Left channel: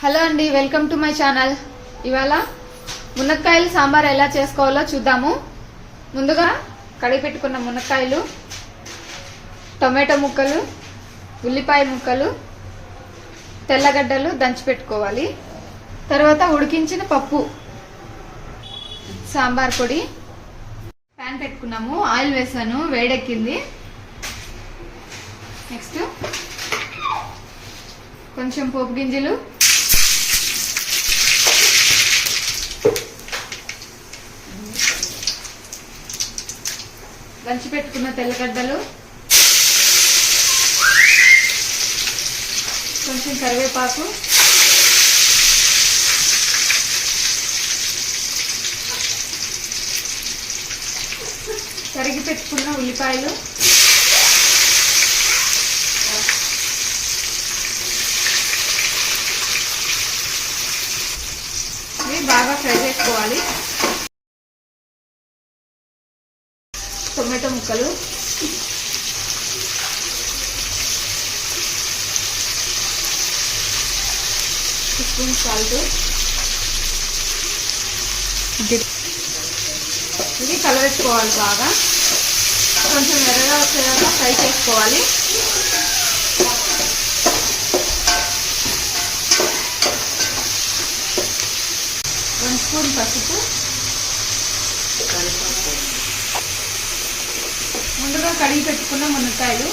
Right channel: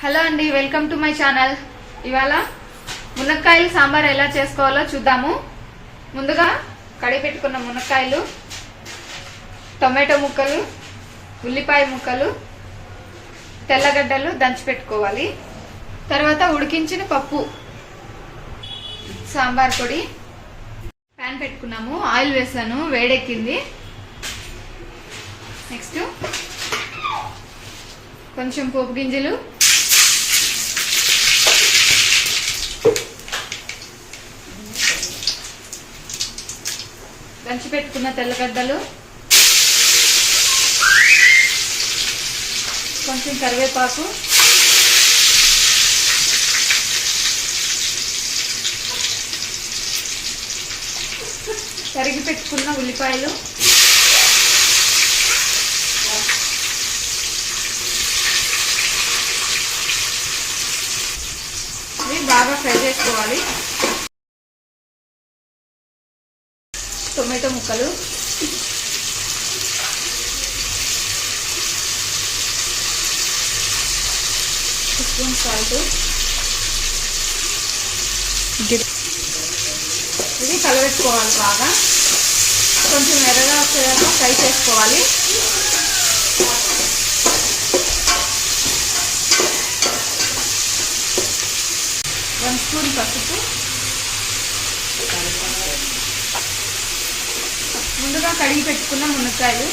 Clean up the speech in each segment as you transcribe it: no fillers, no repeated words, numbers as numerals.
Hello అండి, welcome to my channel. ఇవాళ మునక్కాయలు సాంబార్ ఎలా చేసుకోవాలో చూద్దాము. ముందుగా కడిగి పెట్టుకున్న మునక్కాయలు, టొమాటో ముక్కలు, ఉల్లిపాయ ముక్కలు, తెల్లగడ్డలు దంచి పెట్టుకోవాలి. తర్వాత ఉడికించిన పప్పు, సాంబార్ పొడి, ప్యాన్ పెట్టుకున్నాము, ఆయిల్ వేసాను, వేడెక్కింది. నెక్స్ట్ కొంచెం పోపు గింజలు, దంచి పెట్టుకున్న తెల్లగడ్డలు, కొంచెం కరివేపాకు, తరిగి పెట్టుకున్న ఉల్లిపాయలు, ఇవి బాగా ఫ్రై చేసుకోవాలి. టొమాటో ముక్కలు, స్పూన్ సాల్ట్, ఇది కలబెట్టుకోవాలి. బాగా కొంచెం ఎర్రగా వచ్చేదాకా ఫ్రై చేసుకోవాలి. వన్ స్పూన్ పసుపు, ముందుగా కడిగి పెట్టుకున్న మునక్కాయలు,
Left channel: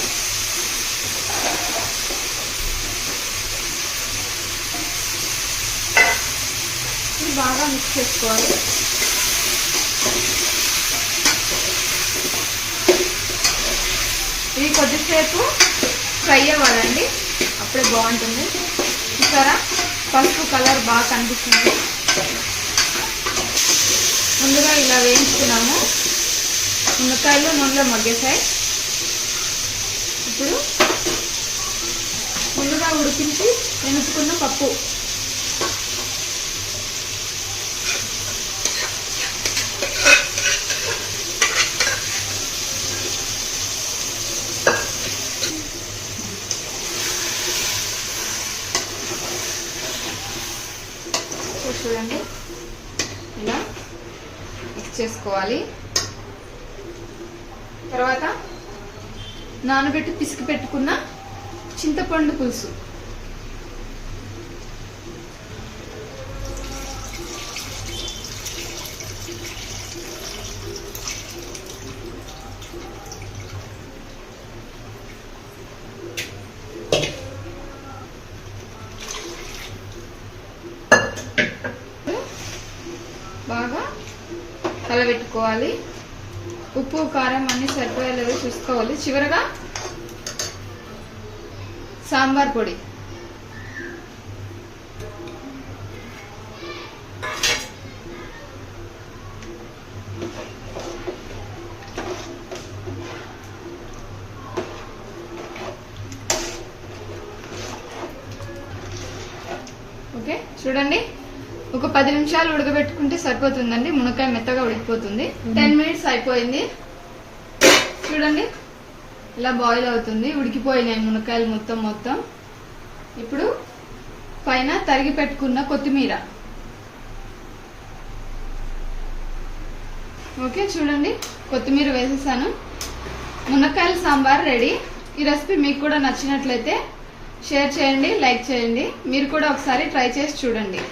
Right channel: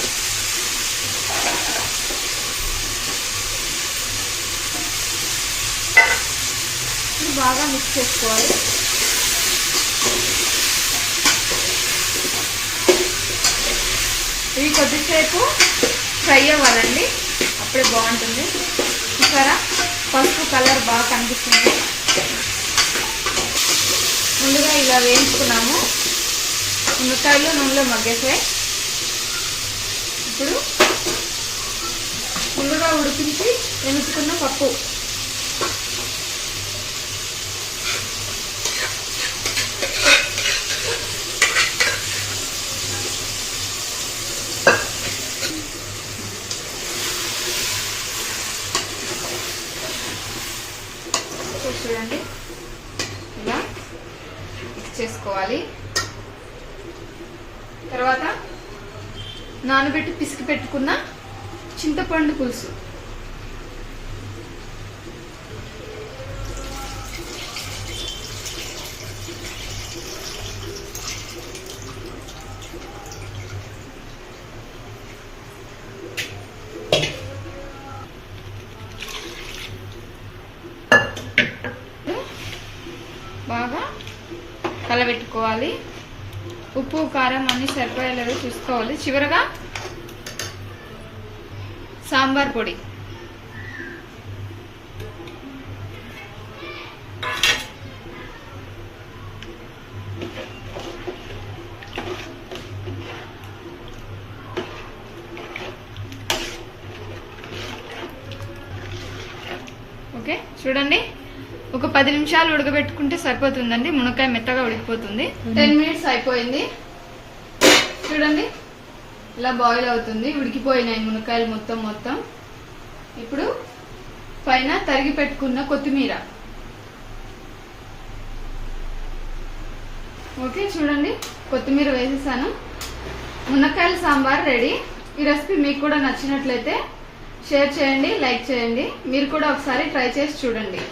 ఇది బాగా మిక్స్ చేసుకోవాలి. ఇది కొద్దిసేపు ఫ్రై అవ్వాలండి, అప్పుడే బాగుంటుంది. చూసారా, పసుపు కలర్ బాగా కనిపిస్తుంది. ముందుగా ఇలా వేయించుకున్నాము, మునక్కాయలు నూనెలో మగ్గేసాయి. ఇప్పుడు ముందుగా ఉడికించి ఎనుచుకున్న పప్పు, చూడండి ఇలా మిక్స్ చేసుకోవాలి. తర్వాత నానబెట్టి పిసికి పెట్టుకున్న చింతపండు పులుసు, బాగా కలబెట్టుకోవాలి. ఉప్పు కారం అన్ని సరిపోయేలాగా చూసుకోవాలి. చివరగా సాంబార్ పొడి, ఓకే. చూడండి, ఒక 10 నిమిషాలు ఉడకబెట్టుకుంటే సరిపోతుందండి. మునక్కాయ మెత్తగా ఉడికిపోతుంది. 10 మినిట్స్ అయిపోయింది. చూడండి, ఇలా బాయిల్ అవుతుంది, ఉడికిపోయినాయి మునక్కాయలు మొత్తం. ఇప్పుడు పైన తరిగి పెట్టుకున్న కొత్తిమీర, ఓకే. చూడండి, కొత్తిమీర వేసేసాను. మునక్కాయల సాంబార్ రెడీ. ఈ రెసిపీ మీకు కూడా నచ్చినట్లయితే షేర్ చేయండి, లైక్ చేయండి. మీరు కూడా ఒకసారి ట్రై చేసి చూడండి.